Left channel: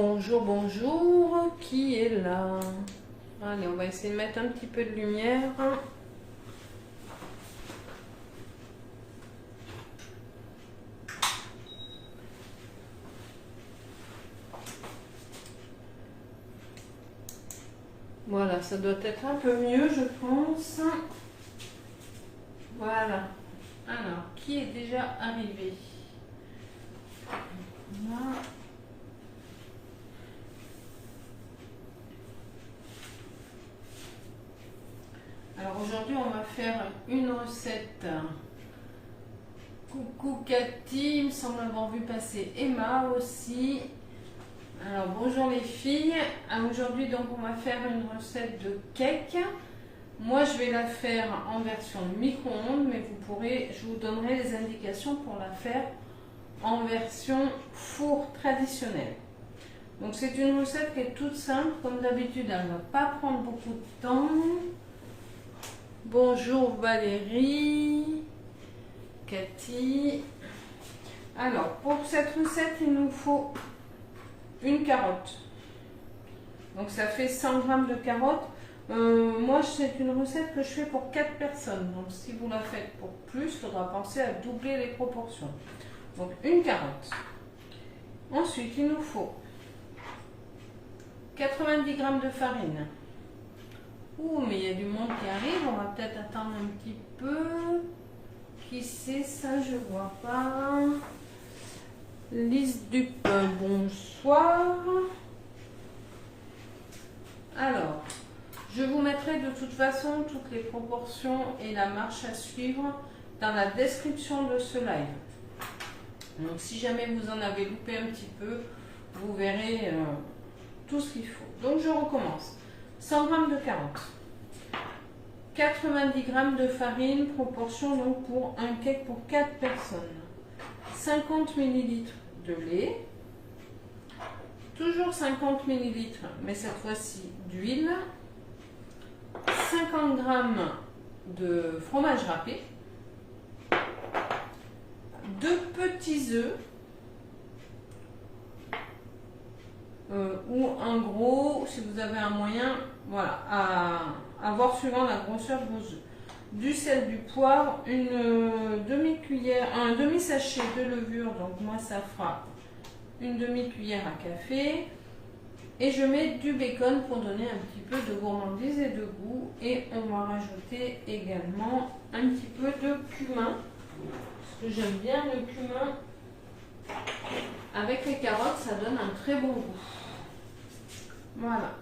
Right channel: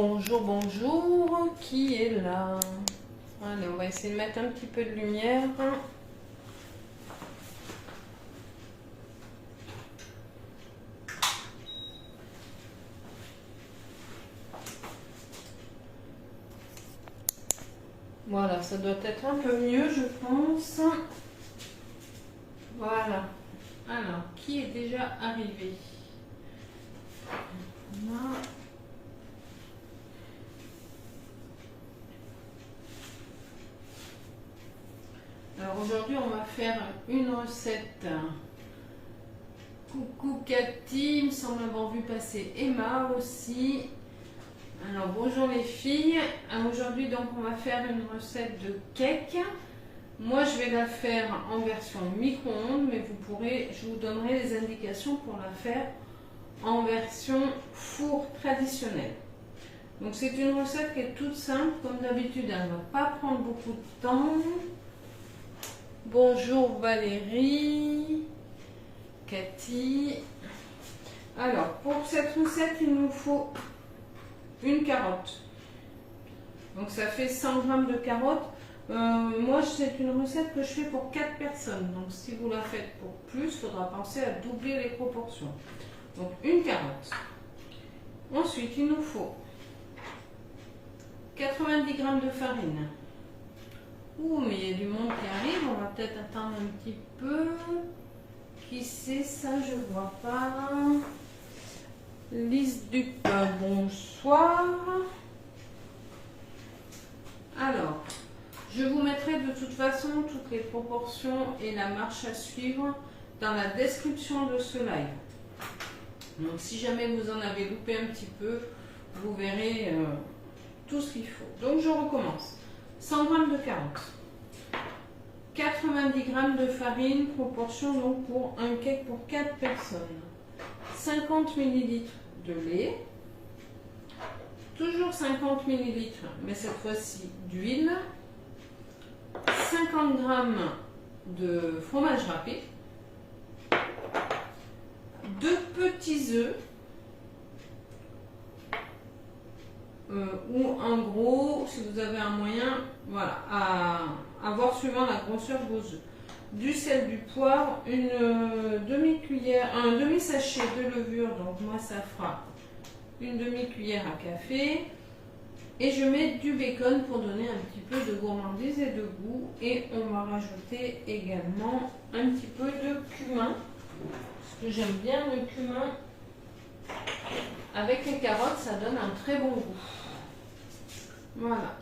Bonjour, bonjour, qui est là? Allez, on va essayer de mettre un petit peu de lumière. Voilà, ça doit être un peu mieux, je pense. Voilà. Alors, qui est déjà arrivé? Voilà. Alors aujourd'hui, on va faire une recette. Coucou Cathy, il me semble avoir vu passer Emma aussi. Alors bonjour les filles. Aujourd'hui donc on va faire une recette de cake. Moi je vais la faire en version micro-ondes, mais je vous donnerai les indications pour la faire en version four traditionnelle. Donc c'est une recette qui est toute simple, comme d'habitude, elle ne va pas prendre beaucoup de temps. Bonjour Valérie, Cathy. Alors pour cette recette, il nous faut une carotte. Donc ça fait 100 g de carottes. Moi c'est une recette que je fais pour 4 personnes. Donc si vous la faites pour plus, il faudra penser à doubler les proportions. Donc une carotte. Ensuite il nous faut 90 g de farine. Ouh, mais il y a du monde qui arrive, on va peut-être attendre un petit peu. Qui c'est ça? Je vois pas. Lise du pain, bonsoir. Alors, je vous mettrai de toute façon toutes les proportions et la marche à suivre dans la description de ce live. Donc si jamais vous en avez loupé un petit peu, vous verrez tout ce qu'il faut. Donc je recommence. 100 g de carottes, 90 g de farine, proportion donc pour un cake pour 4 personnes, 50 ml de lait, toujours 50 ml, mais cette fois-ci d'huile, 50 g de fromage râpé, 2 petits œufs, ou un gros si vous avez un moyen, voilà, à voir suivant la grosseur de vos œufs, du sel, du poivre, une demi-cuillère, un demi-sachet de levure, donc moi ça fera une demi-cuillère à café, et je mets du bacon pour donner un petit peu de gourmandise et de goût, et on va rajouter également un petit peu de cumin, parce que j'aime bien le cumin. Avec les carottes, ça donne un très bon goût. Voilà.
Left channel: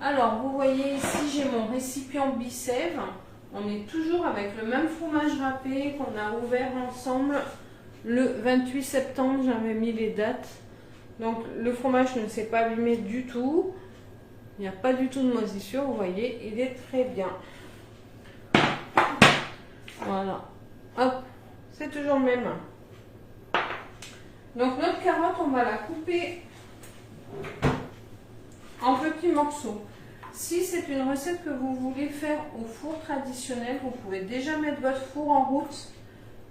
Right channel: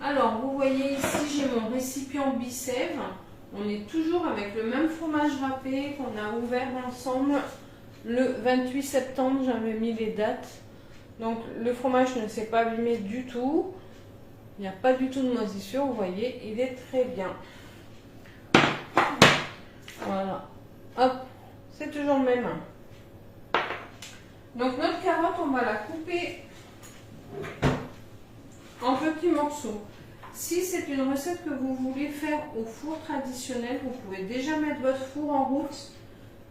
Alors, vous voyez ici, j'ai mon récipient Bicèvre. On est toujours avec le même fromage râpé qu'on a ouvert ensemble le 28 septembre. J'avais mis les dates. Donc, le fromage ne s'est pas abîmé du tout. Il n'y a pas du tout de moisissure. Vous voyez, il est très bien. Voilà. Hop, c'est toujours le même. Donc notre carotte, on va la couper en petits morceaux. Si c'est une recette que vous voulez faire au four traditionnel, vous pouvez déjà mettre votre four en route.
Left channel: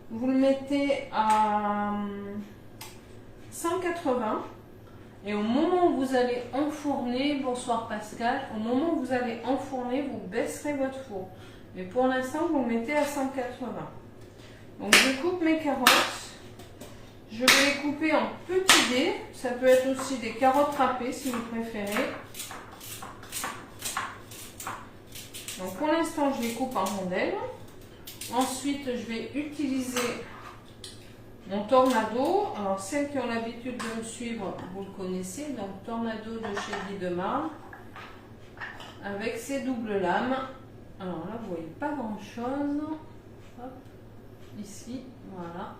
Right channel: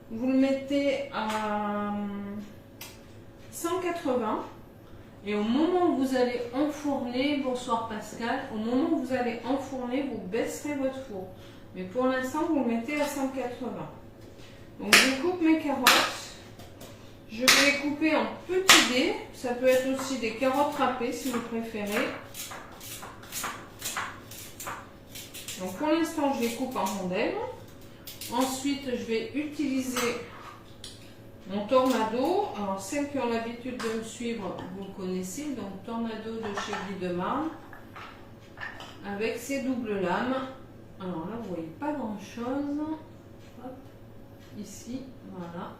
Vous le mettez à 180 et au moment où vous allez enfourner, bonsoir Pascal, au moment où vous allez enfourner, vous baisserez votre four. Mais pour l'instant, vous le mettez à 180. Donc je coupe mes carottes. Je vais les couper en petits dés. Ça peut être aussi des carottes râpées si vous préférez. Donc pour l'instant, je les coupe en rondelles. Ensuite, je vais utiliser mon Tornado. Alors celles qui ont l'habitude de me suivre, vous le connaissez. Donc Tornado de chez Guy Demar. Avec ses doubles lames. Alors là, vous voyez pas grand chose. Hop, ici, voilà.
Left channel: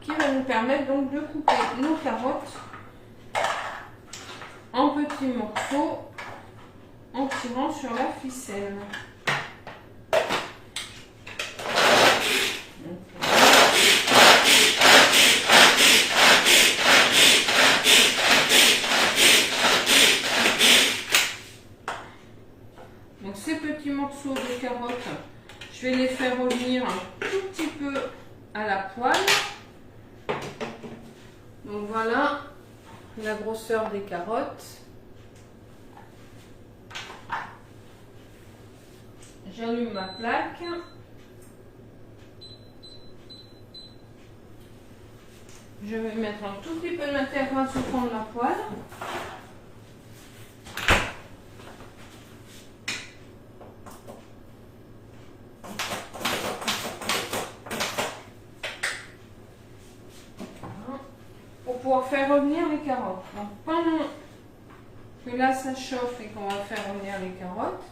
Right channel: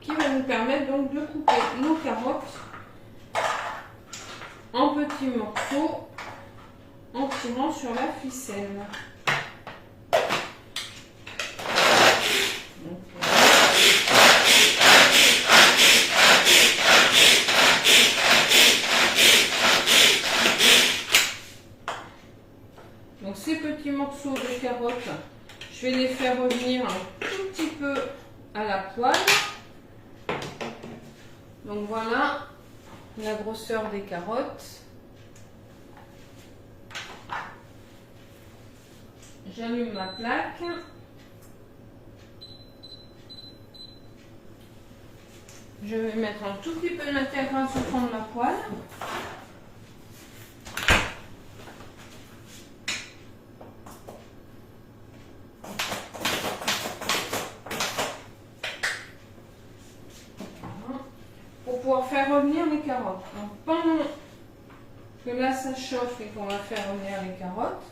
Qui va nous permettre donc de couper nos carottes en petits morceaux en tirant sur la ficelle. Donc ces petits morceaux de carottes, je vais les faire revenir un tout petit peu à la poêle. Donc voilà, la grosseur des carottes. J'allume ma plaque. Je vais mettre un tout petit peu de matière grasse au fond de la poêle. Pour pouvoir faire revenir les carottes. Donc pendant que là ça chauffe et qu'on va faire revenir les carottes,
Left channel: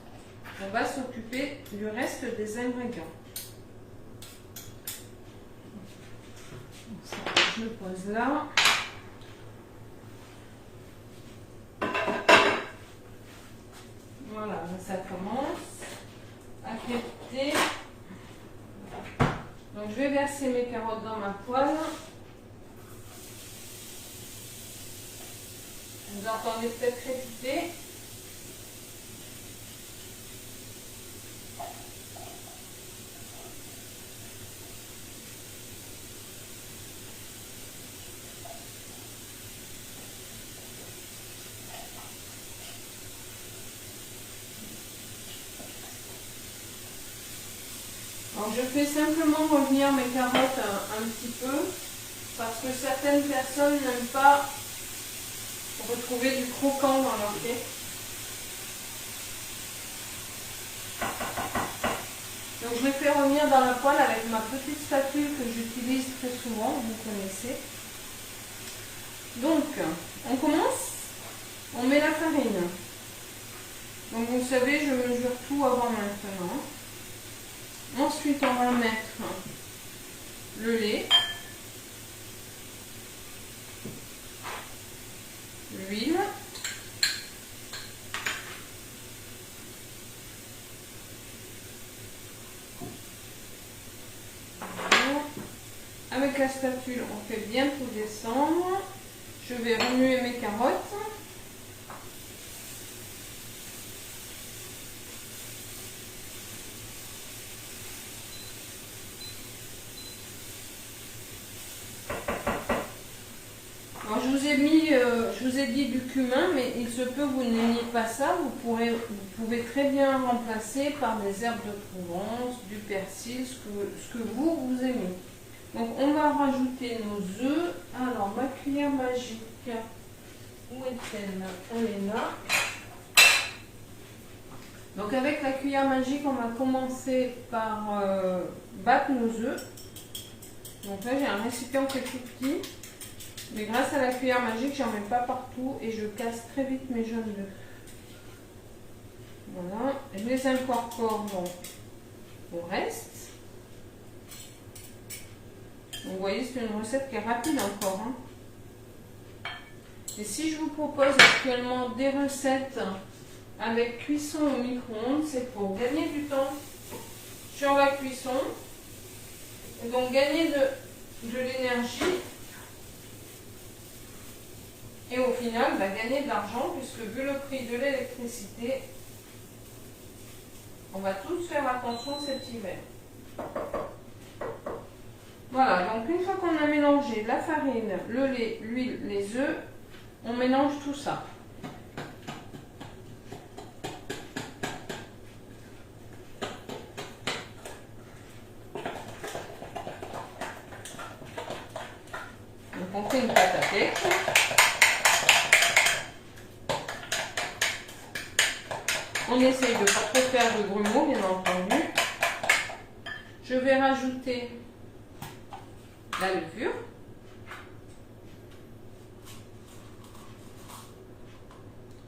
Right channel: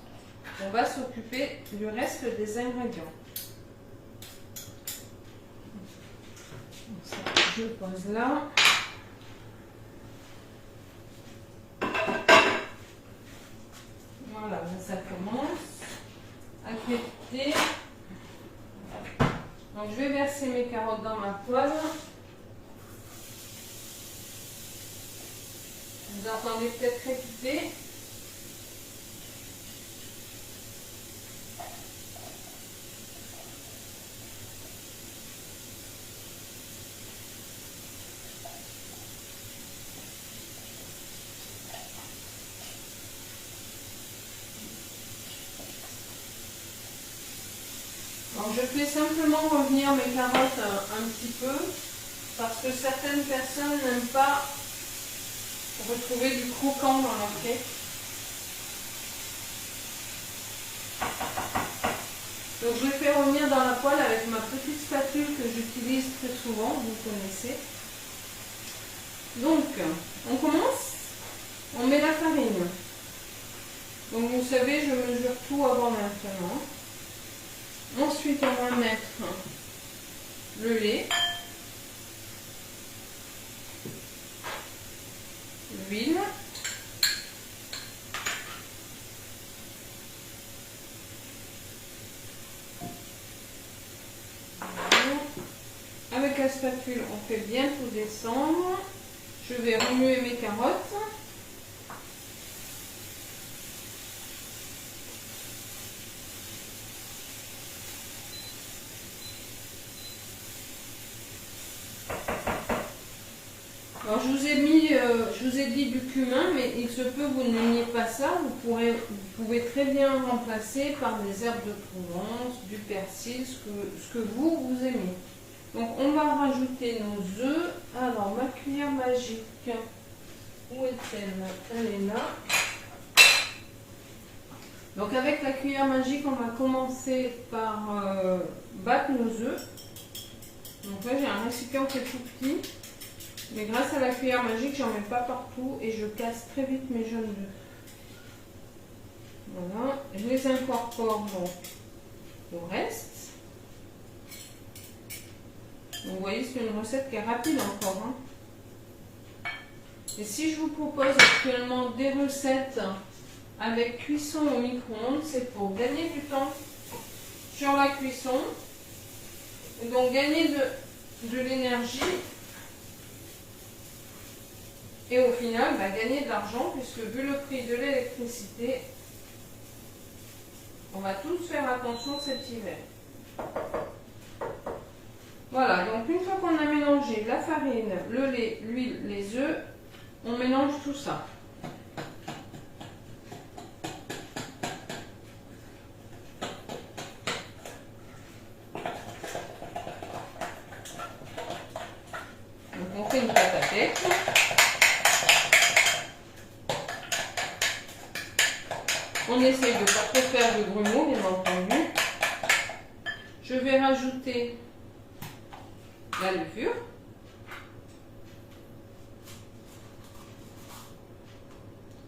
on va s'occuper du reste des ingrédients. Ça, je le pose là. Voilà, ça commence à crépiter. Donc je vais verser mes carottes dans ma poêle. Vous entendez peut-être crépiter. Alors je fais simplement revenir mes carottes un petit peu parce que certaines personnes n'aiment pas retrouver du croquant dans leur cake. Donc je les fais revenir dans la poêle avec ma petite spatule que j'utilise très souvent, vous connaissez. Donc on commence, on met la farine. Donc vous savez, je mesure tout avant maintenant. Ensuite on va mettre le lait, l'huile, avec la spatule on fait bien tout descendre. Je vais remuer mes carottes. Alors je vous ai dit du cumin, mais il se peut que vous n'ayez pas ça. Vous pouvez très bien remplacer par des herbes de Provence, du persil, ce que vous aimez. Donc on va rajouter nos œufs. Alors ma cuillère magique, où est-elle? Elle est là. Donc avec la cuillère magique, on va commencer par battre nos œufs. Donc là j'ai un récipient qui est tout petit. Mais grâce à la cuillère magique, j'en mets pas partout et je casse très vite mes jaunes d'œufs. Voilà, je les incorpore donc au reste. Donc, vous voyez, c'est une recette qui est rapide encore. Hein. Et si je vous propose actuellement des recettes avec cuisson au micro-ondes, c'est pour gagner du temps sur la cuisson. Et donc gagner de l'énergie. Et au final, gagner de l'argent, puisque vu le prix de l'électricité, on va tous faire attention cet hiver. Voilà, donc une fois qu'on a mélangé la farine, le lait, l'huile, les œufs, on mélange tout ça. Donc on fait une pâte à cake. On essaye de ne pas trop faire de grumeaux, bien entendu. Je vais rajouter la levure.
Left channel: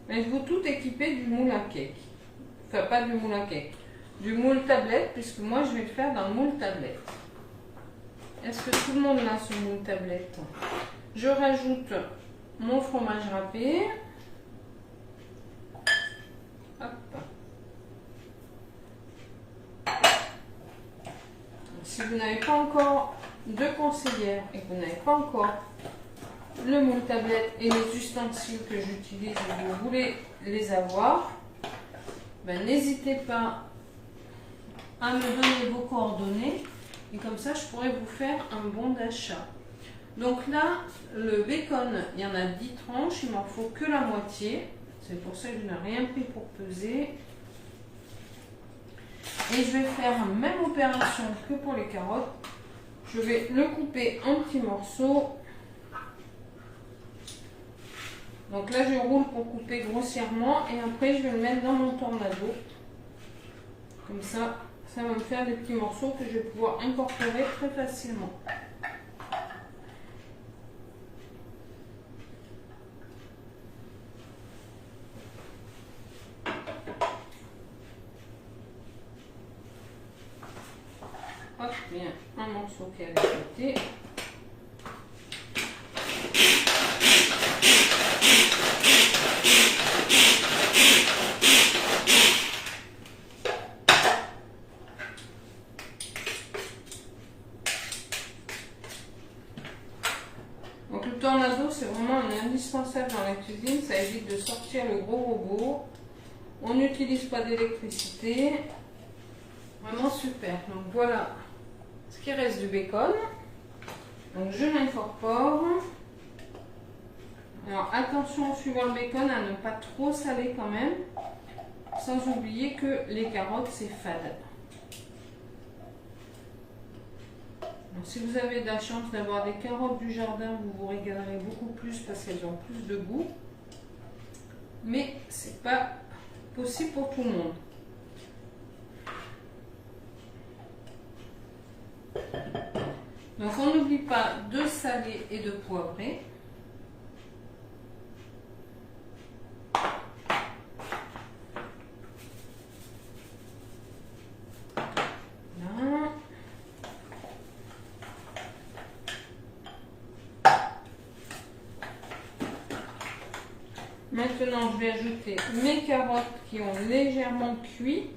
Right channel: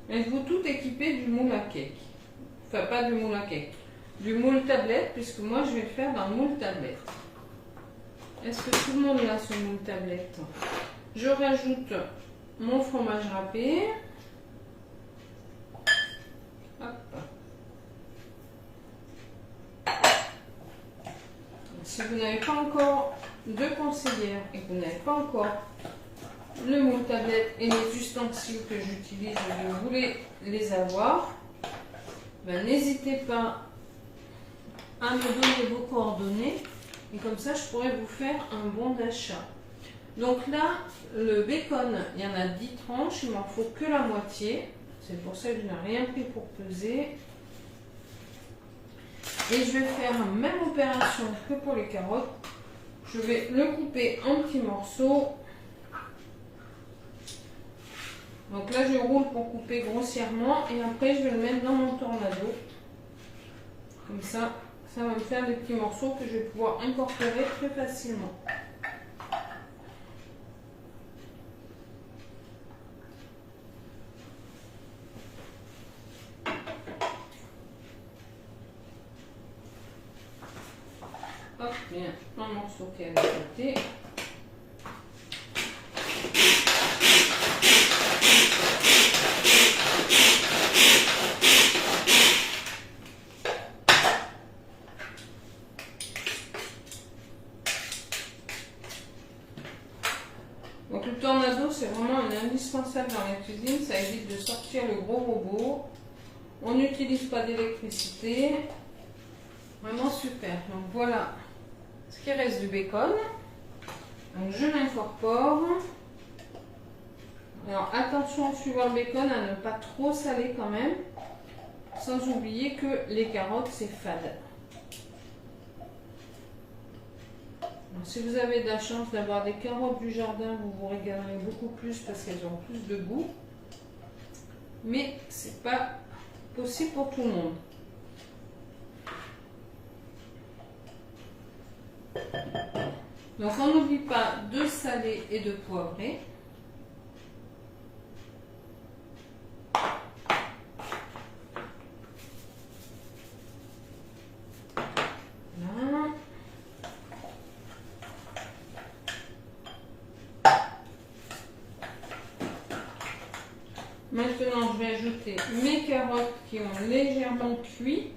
Êtes-vous tout équipé du moule à cake? Enfin, pas du moule à cake, du moule tablette, puisque moi je vais le faire dans le moule tablette. Est-ce que tout le monde a ce moule tablette? Je rajoute mon fromage râpé. Hop. Si vous n'avez pas encore de conseillère et que vous n'avez pas encore le moule tablette et les ustensiles que j'utilise et vous voulez les avoir, n'hésitez pas à me donner vos coordonnées et comme ça je pourrais vous faire un bon d'achat. Donc là, le bacon, il y en a 10 tranches, il m'en faut que la moitié. C'est pour ça que je n'ai rien pris pour peser. Et je vais faire la même opération que pour les carottes. Je vais le couper en petits morceaux. Donc là, je roule pour couper grossièrement et après, je vais le mettre dans mon tornado. Comme ça, ça va me faire des petits morceaux que je vais pouvoir incorporer très facilement. Hop, bien, un morceau qui est à côté. Donc le tornado, c'est vraiment un indispensable dans la cuisine, ça évite de sortir le gros robot. On n'utilise pas d'électricité. Vraiment super. Donc voilà ce qui reste du bacon. Donc je l'incorpore. Alors attention, suivant le bacon, à ne pas trop saler quand même. Sans oublier que les carottes, c'est fade. Donc, si vous avez de la chance d'avoir des carottes du jardin, vous vous régalerez beaucoup plus parce qu'elles ont plus de goût. Mais c'est pas possible pour tout le monde. Donc on n'oublie pas de saler et de poivrer. Voilà. Maintenant, je vais ajouter mes carottes qui ont légèrement cuit.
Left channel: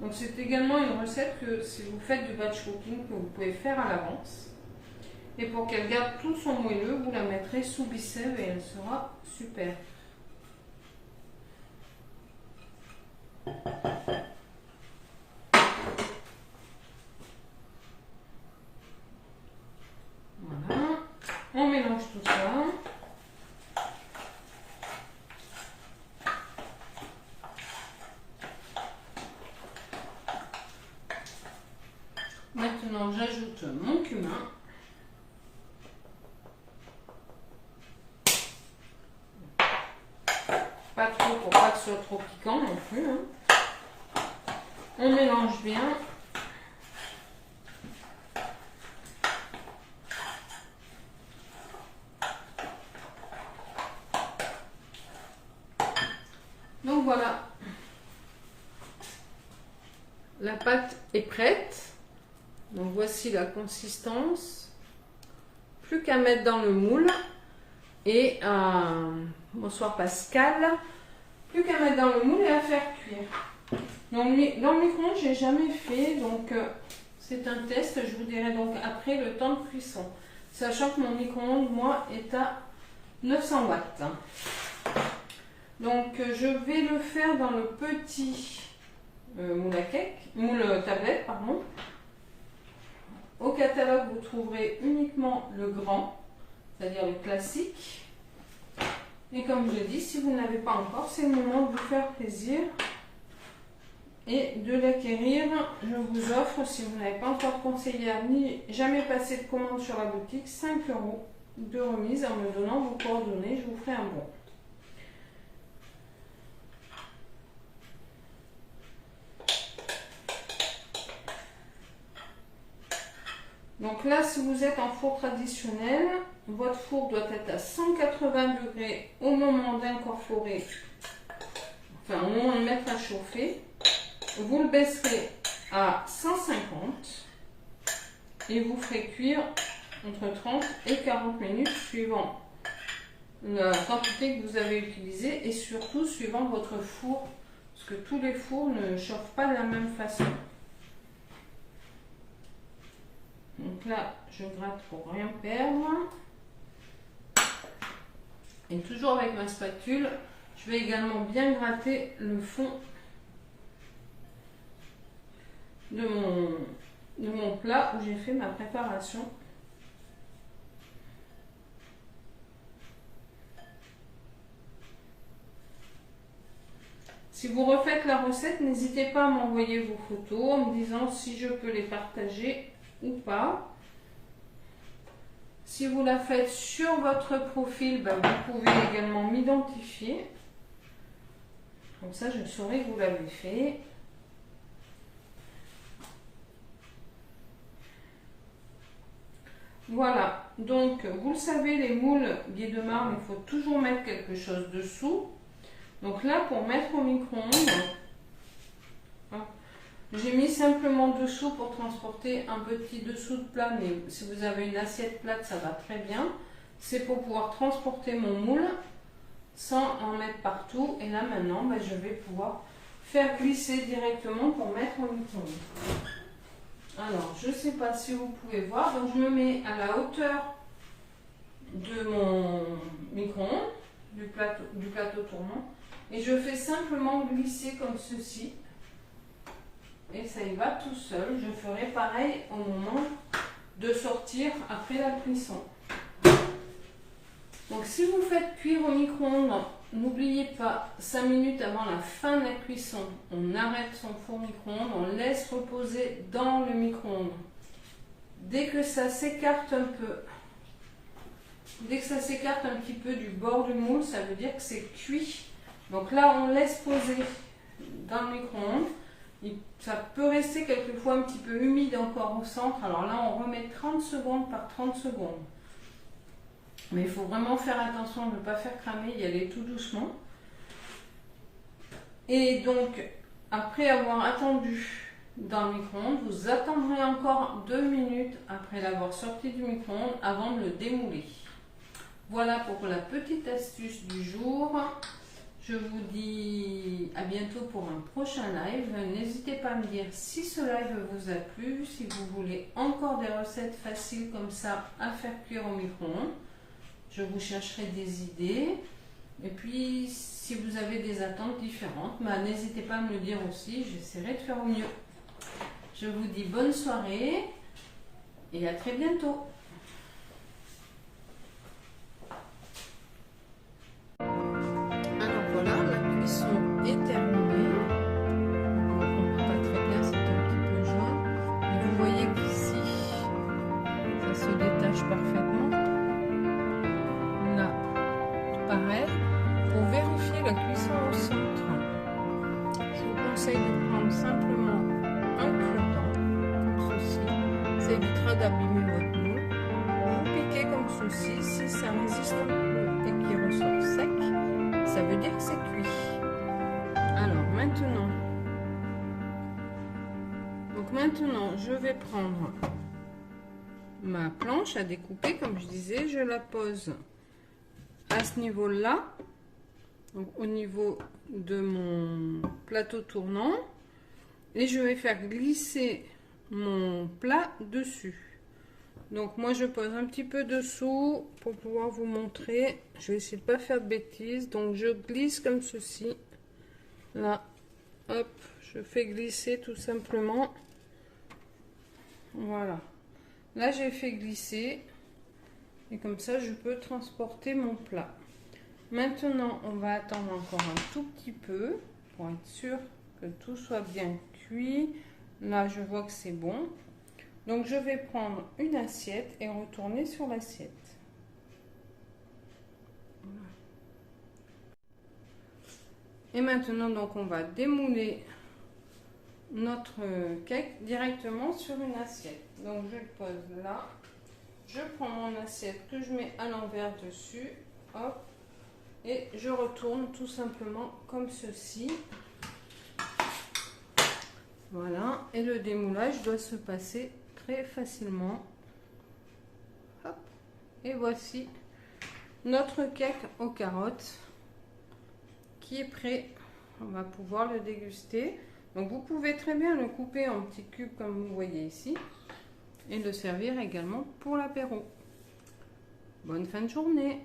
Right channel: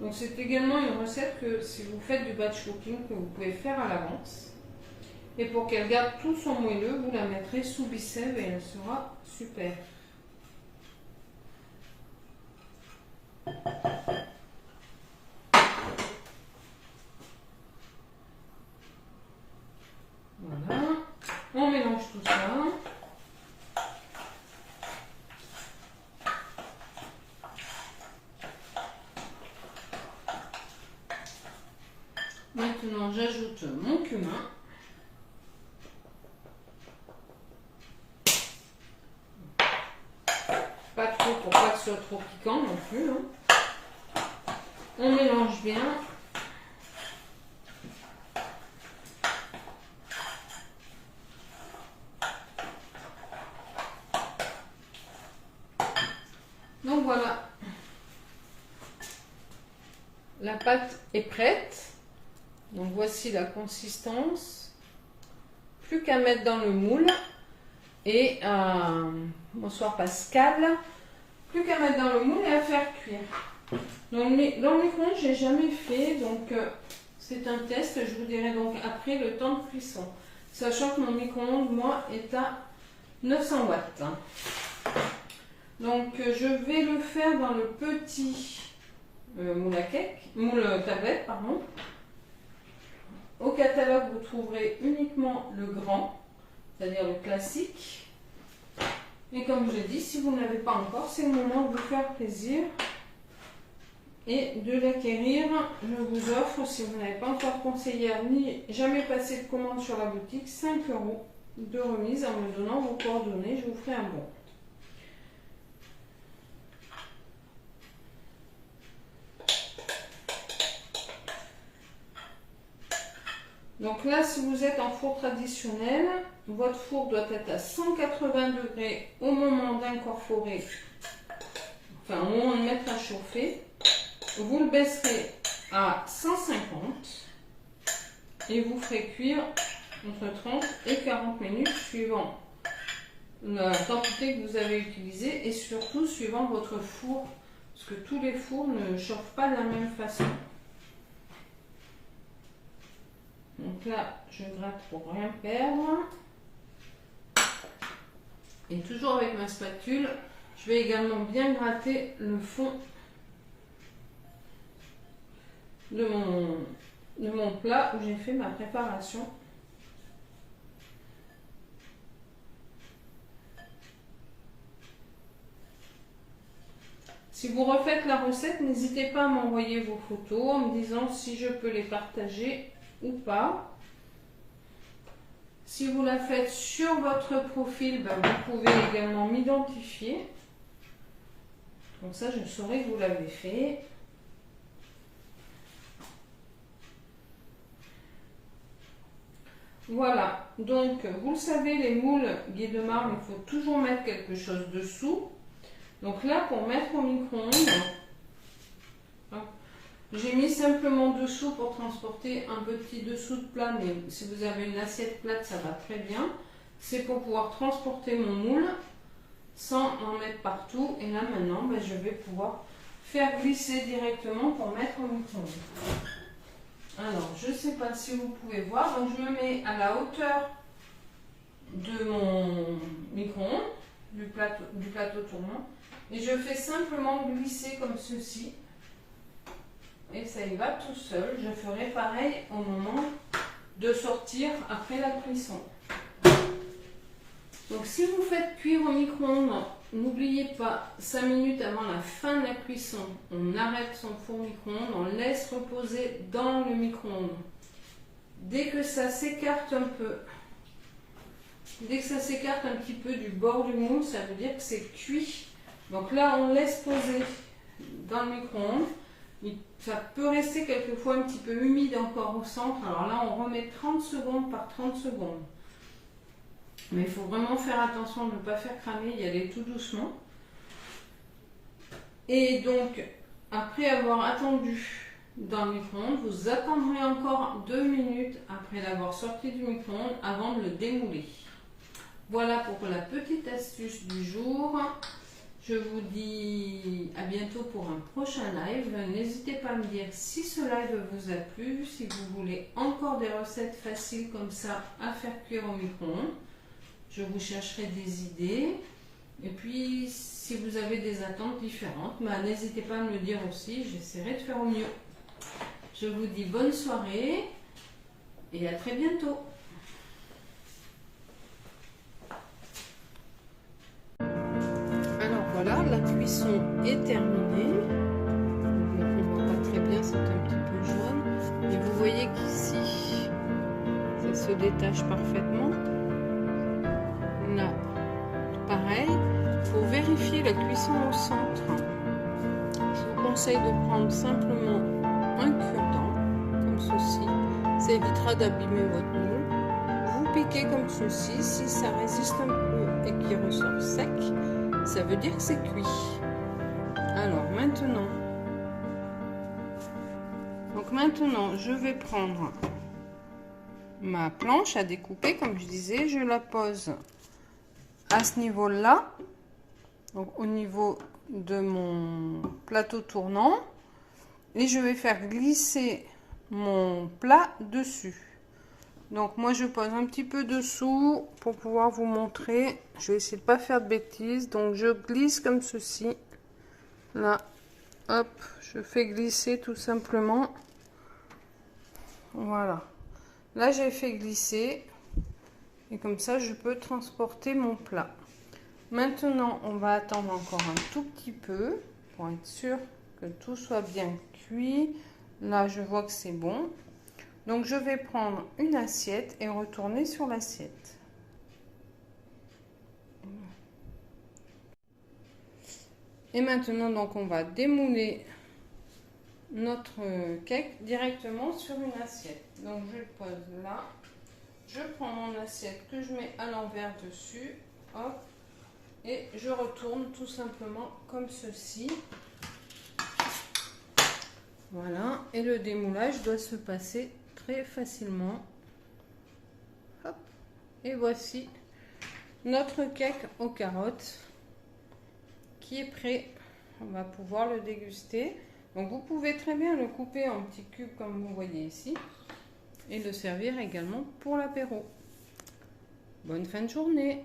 Donc c'est également une recette que si vous faites du batch cooking que vous pouvez faire à l'avance. Et pour qu'elle garde tout son moelleux, vous la mettrez sous bissève et elle sera super. Voilà, on mélange tout ça. Maintenant, j'ajoute mon cumin. Pas trop pour pas que ce soit trop piquant non plus. Hein. On mélange bien. Donc voilà. La pâte est prête. Donc voici la consistance. Plus qu'à mettre dans le moule. Et bonsoir Pascal. Plus qu'à mettre dans le moule et à faire cuire. Donc dans le micro-ondes, je n'ai jamais fait. Donc c'est un test. Je vous dirai donc après le temps de cuisson. Sachant que mon micro-ondes, moi, est à 900 watts. Donc je vais le faire dans le petit moule à cake, moule tablette, pardon. Au catalogue, vous trouverez uniquement le grand, c'est-à-dire le classique. Et comme je l'ai dit, si vous ne l'avez pas encore, c'est le moment de vous faire plaisir et de l'acquérir. Je vous offre, si vous n'avez pas encore conseillère ni jamais passé de commande sur la boutique, 5 € de remise en me donnant vos coordonnées. Je vous ferai un bon. Donc là, si vous êtes en four traditionnel, votre four doit être à 180 degrés au moment d'incorporer, enfin au moment de mettre à chauffer. Vous le baisserez à 150 et vous ferez cuire entre 30 et 40 minutes suivant la quantité que vous avez utilisée et surtout suivant votre four, parce que tous les fours ne chauffent pas de la même façon. Donc là, je gratte pour rien perdre. Et toujours avec ma spatule, je vais également bien gratter le fond de mon plat où j'ai fait ma préparation. Si vous refaites la recette, n'hésitez pas à m'envoyer vos photos en me disant si je peux les partager ou pas. Si vous la faites sur votre profil, ben vous pouvez également m'identifier. Comme ça, je saurai que vous l'avez fait. Voilà, donc vous le savez, les moules Guy de Marne, il faut toujours mettre quelque chose dessous. Donc là, pour mettre au micro-ondes, j'ai mis simplement dessous pour transporter un petit dessous de plat, mais si vous avez une assiette plate, ça va très bien. C'est pour pouvoir transporter mon moule sans en mettre partout. Et là maintenant, ben, je vais pouvoir faire glisser directement pour mettre au micro-ondes. Alors, je ne sais pas si vous pouvez voir, donc je me mets à la hauteur de mon micro-ondes, du plateau tournant, et je fais simplement glisser comme ceci. Et ça y va tout seul. Je ferai pareil au moment de sortir après la cuisson. Donc si vous faites cuire au micro-ondes, n'oubliez pas 5 minutes avant la fin de la cuisson, on arrête son four micro-ondes, on laisse reposer dans le micro-ondes. Dès que ça s'écarte un peu, dès que ça s'écarte un petit peu du bord du moule, ça veut dire que c'est cuit. Donc là, on laisse poser dans le micro-ondes. Ça peut rester quelquefois un petit peu humide encore au centre. Alors là, on remet 30 secondes par 30 secondes. Mais il faut vraiment faire attention de ne pas faire cramer, y aller tout doucement. Et donc, après avoir attendu dans le micro-ondes, vous attendrez encore 2 minutes après l'avoir sorti du micro-ondes avant de le démouler. Voilà pour la petite astuce du jour. Je vous dis à bientôt pour un prochain live. N'hésitez pas à me dire si ce live vous a plu, si vous voulez encore des recettes faciles comme ça à faire cuire au micro-ondes. Je vous chercherai des idées. Et puis, si vous avez des attentes différentes, n'hésitez pas à me le dire aussi. J'essaierai de faire au mieux. Je vous dis bonne soirée et à très bientôt. Alors voilà, la cuisson est terminée. On ne voit pas très bien, c'est un petit peu jaune. Mais vous voyez qu'ici, ça se détache parfaitement. Là, pareil, pour vérifier la cuisson au centre, je vous conseille de prendre simplement un cure-dent, comme ceci. Ça évitera d'abîmer votre moule. Vous piquez comme ceci. Si ça résiste un peu et qu'il ressort sec, ça veut dire que c'est cuit. Alors maintenant, je vais prendre ma planche à découper, comme je disais, je la pose à ce niveau-là, donc au niveau de mon plateau tournant, et je vais faire glisser mon plat dessus. Donc moi je pose un petit peu dessous pour pouvoir vous montrer. Je vais essayer de pas faire de bêtises, donc je glisse comme ceci. Là, hop, je fais glisser tout simplement. Voilà. Là j'ai fait glisser. Et comme ça, je peux transporter mon plat. Maintenant, on va attendre encore un tout petit peu pour être sûr que tout soit bien cuit. Là, je vois que c'est bon. Donc, je vais prendre une assiette et retourner sur l'assiette. Et maintenant, donc, on va démouler notre cake directement sur une assiette. Donc, je le pose là. Je prends mon assiette que je mets à l'envers dessus, hop, et je retourne tout simplement comme ceci. Voilà, et le démoulage doit se passer très facilement. Hop, et voici notre cake aux carottes qui est prêt. On va pouvoir le déguster. Donc vous pouvez très bien le couper en petits cubes comme vous voyez ici. Et le servir également pour l'apéro. Bonne fin de journée!